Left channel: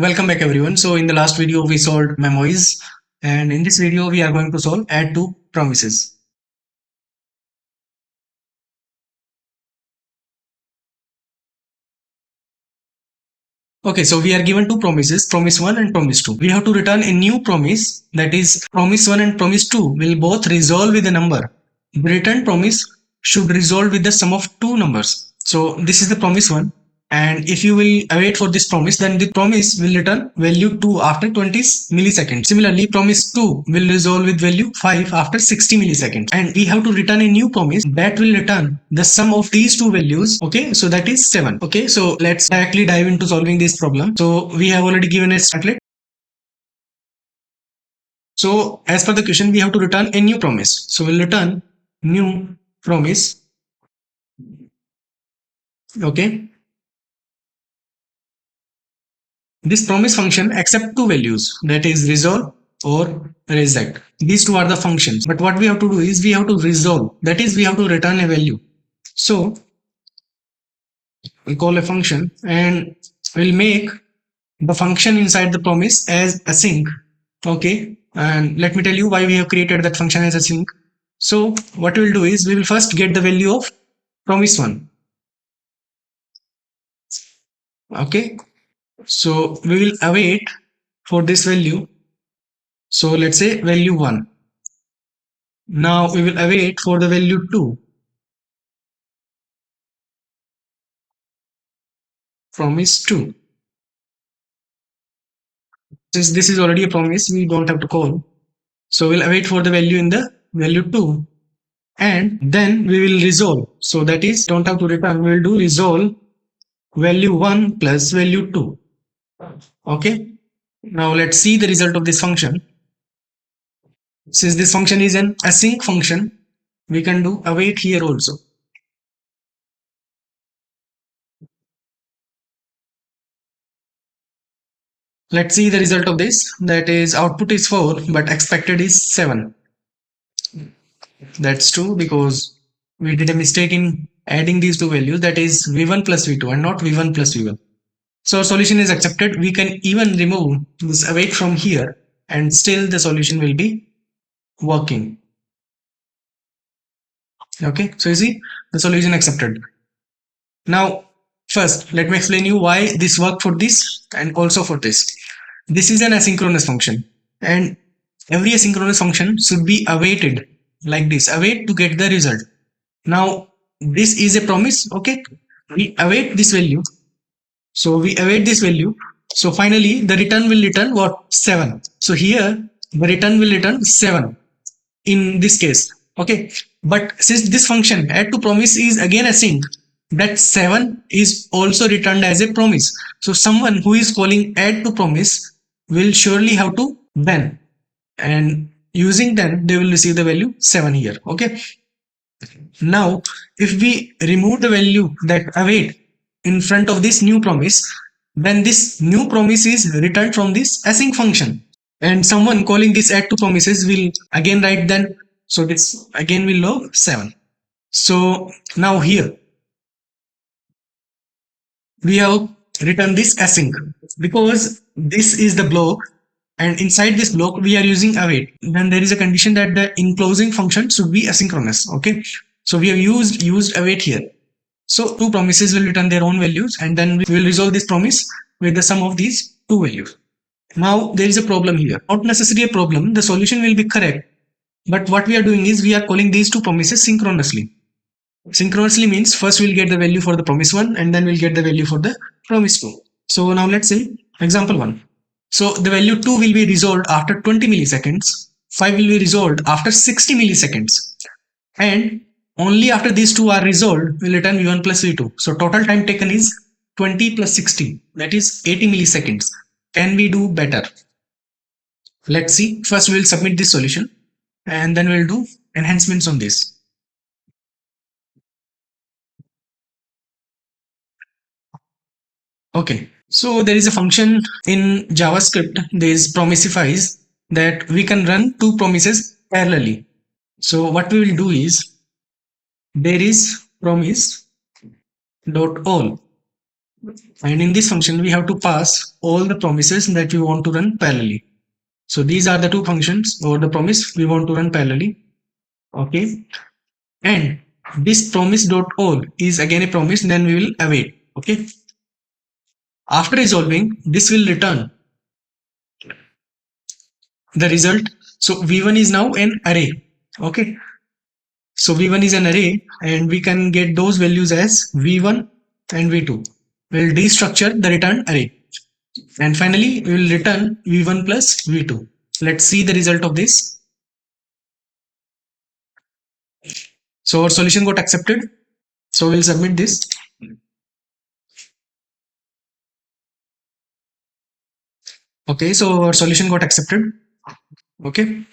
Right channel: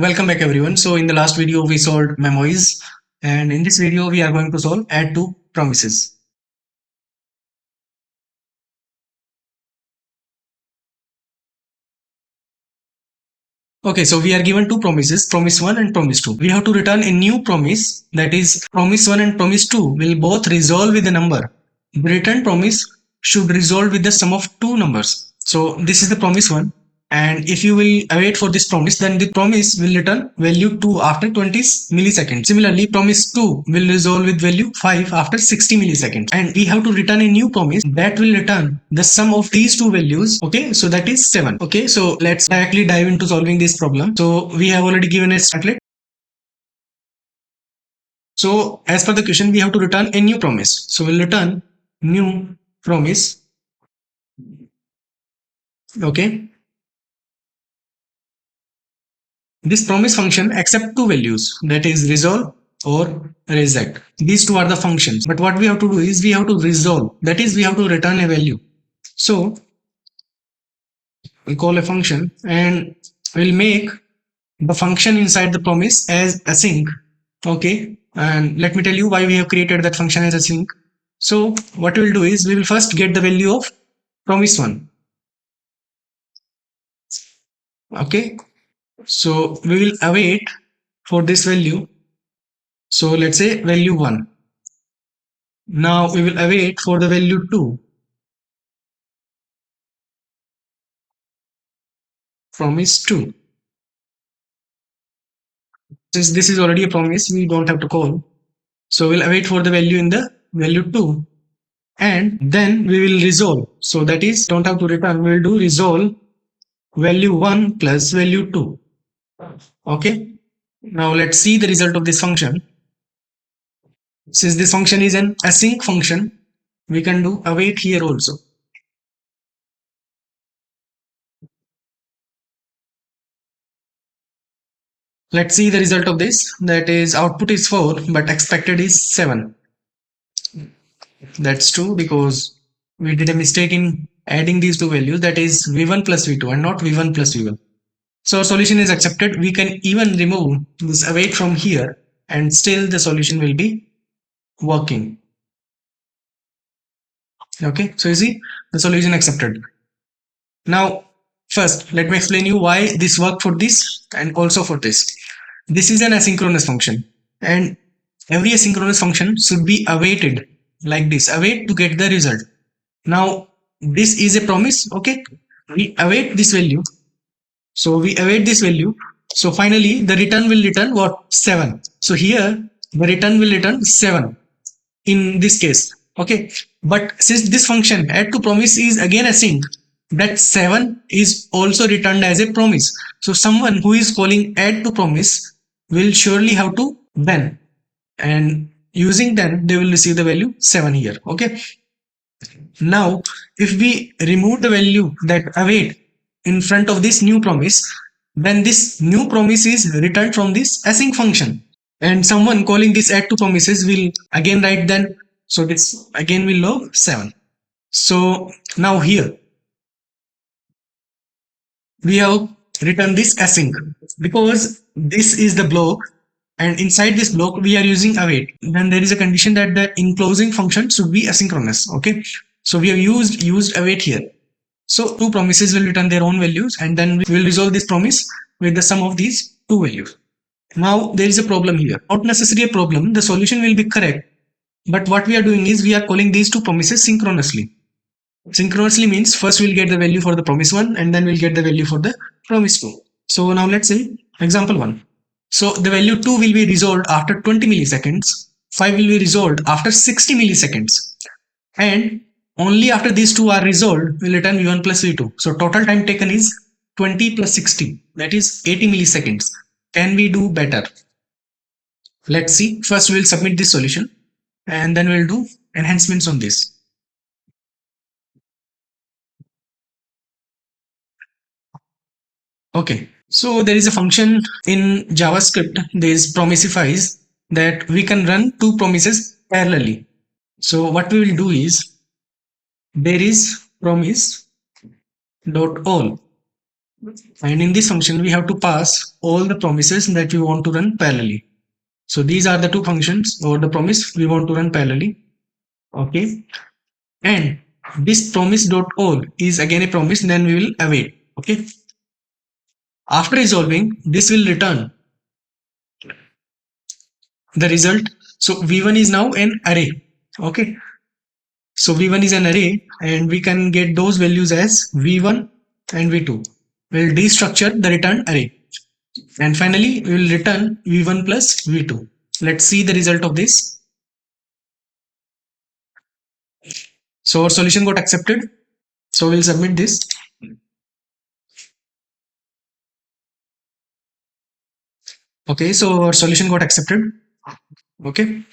Welcome back everyone. So in the last video we solved memoirs, and in this video we are going to solve add to promises. Okay, so we are given two promises, promise 1 and promise 2. We have to return a new promise, that is promise 1 and promise 2 will both resolve with a number. The return promise should resolve with the sum of two numbers. So this is the promise 1, and if you will await for this promise, then the promise will return value 2 after 20 milliseconds. Similarly, promise 2 will resolve with value 5 after 60 milliseconds, and we have to return a new promise that will return the sum of these two values. Okay, so that is 7. Okay, so let's directly dive into solving this problem. So we have already given a startlet. So as per the question, we have to return a new promise. So we'll return new promise. Okay, this promise function accept two values, that is resolve or reject. These two are the functions. But what we have to do is we have to resolve. That is, we have to return a value. So we call a function and we'll make the function inside the promise as async. Okay, and let me tell you why we have created that function as async. So what we'll do is we will first get the value of promise 1. Okay, so we will await for this value. So let's say value 1. Now we will await for the value 2. Promise 2. Since this is already a promise, we don't have to call. So we'll await for the value in the value 2. And then we will resolve. So that is, don't have to return, we'll do resolve value 1 plus value 2. Okay. Now let's see the result of this function. Since this function is an async function, we can do await here also. Let's see the result of this. That is, output is 4, but expected is 7. That's true because we did a mistake in adding these two values, that is v1 plus v2 and not v1 plus v1. So solution is accepted. We can even remove this await from here and still the solution will be working. Okay, so you see the solution accepted. Now first let me explain you why this worked for this and also for this. This is an asynchronous function, and every asynchronous function should be awaited like this, await to get the result. Now this is a promise. Okay, we await this value, so we await this value. So finally the return will return what? 7. So here the return will return 7 in this case. Okay, but since this function add to promise is again async, that 7 is also returned as a promise. So someone who is calling add to promise will surely have to then, and using then they will receive the value 7 here. Okay, now if we remove the value that await in front of this new promise, then this new promise is returned from this async function, and someone calling this add to promises will again write then, so this again will log 7. So now here we have written this async because this is the block, and inside this block we are using await. Then there is a condition that the enclosing function should be asynchronous. Okay, so we have used await here. So two promises will return their own values, and then we will resolve this promise with the sum of these two values. Now there is a problem here. Not necessarily a problem. The solution will be correct, but what we are doing is we are calling these two promises synchronously. Synchronously means first we'll get the value for the promise 1 and then we'll get the value for the promise 2. So now let's say example 1. So the value 2 will be resolved after 20 milliseconds, 5 will be resolved after 60 milliseconds, and only after these two are resolved will return v1 plus v2. So total time taken is 20 plus 60, that is 80 milliseconds. Can we do better? Let's see. First we'll submit this solution and then we'll do enhancements on this. Okay, so there is a function in JavaScript, there is promiseifies, that we can run two promises parallelly. So what we will do is there is promise.all. And in this function, we have to pass all the promises that we want to run parallelly. So these are the two functions or the promise we want to run parallelly. Okay. And this promise.all is again a promise, then we will await. Okay. After resolving, this will return the result. So v1 is now an array. Okay. So v1 is an array and we can get those values as v1 and v2. We'll destructure the return array. And finally, we will return v1 plus v2. Let's see the result of this. So our solution got accepted. So we'll submit this. Okay, so our solution got accepted. Okay.